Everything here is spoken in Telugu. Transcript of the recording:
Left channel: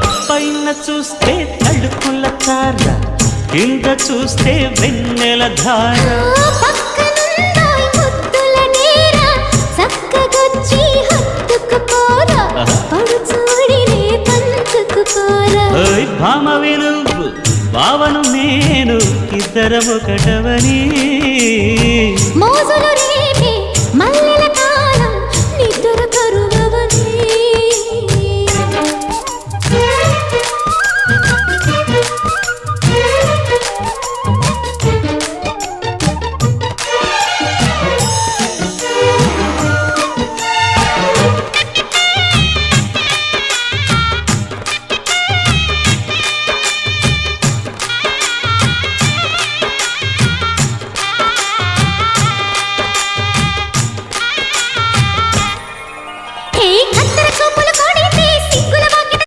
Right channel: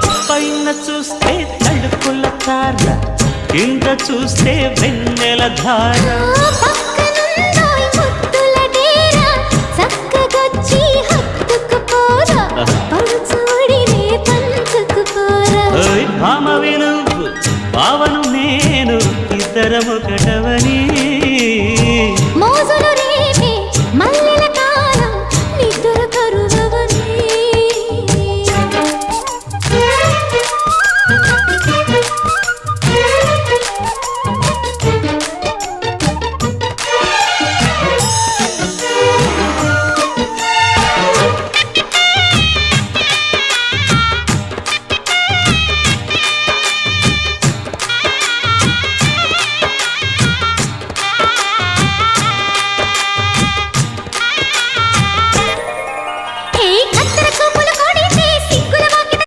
పైన చూస్తే తడుకుల తార, కింద చూస్తే వెన్నెల ధార. పక్కనుందోయ్ ముద్దుల డేరా, చక్కగొచ్చి హత్తుకుపోరా, పడుచూడినే పంచుకుపోరా. భామ విలువు భావను నేను, ఇద్దరమొకటవని మోజులు రేపే మల్లె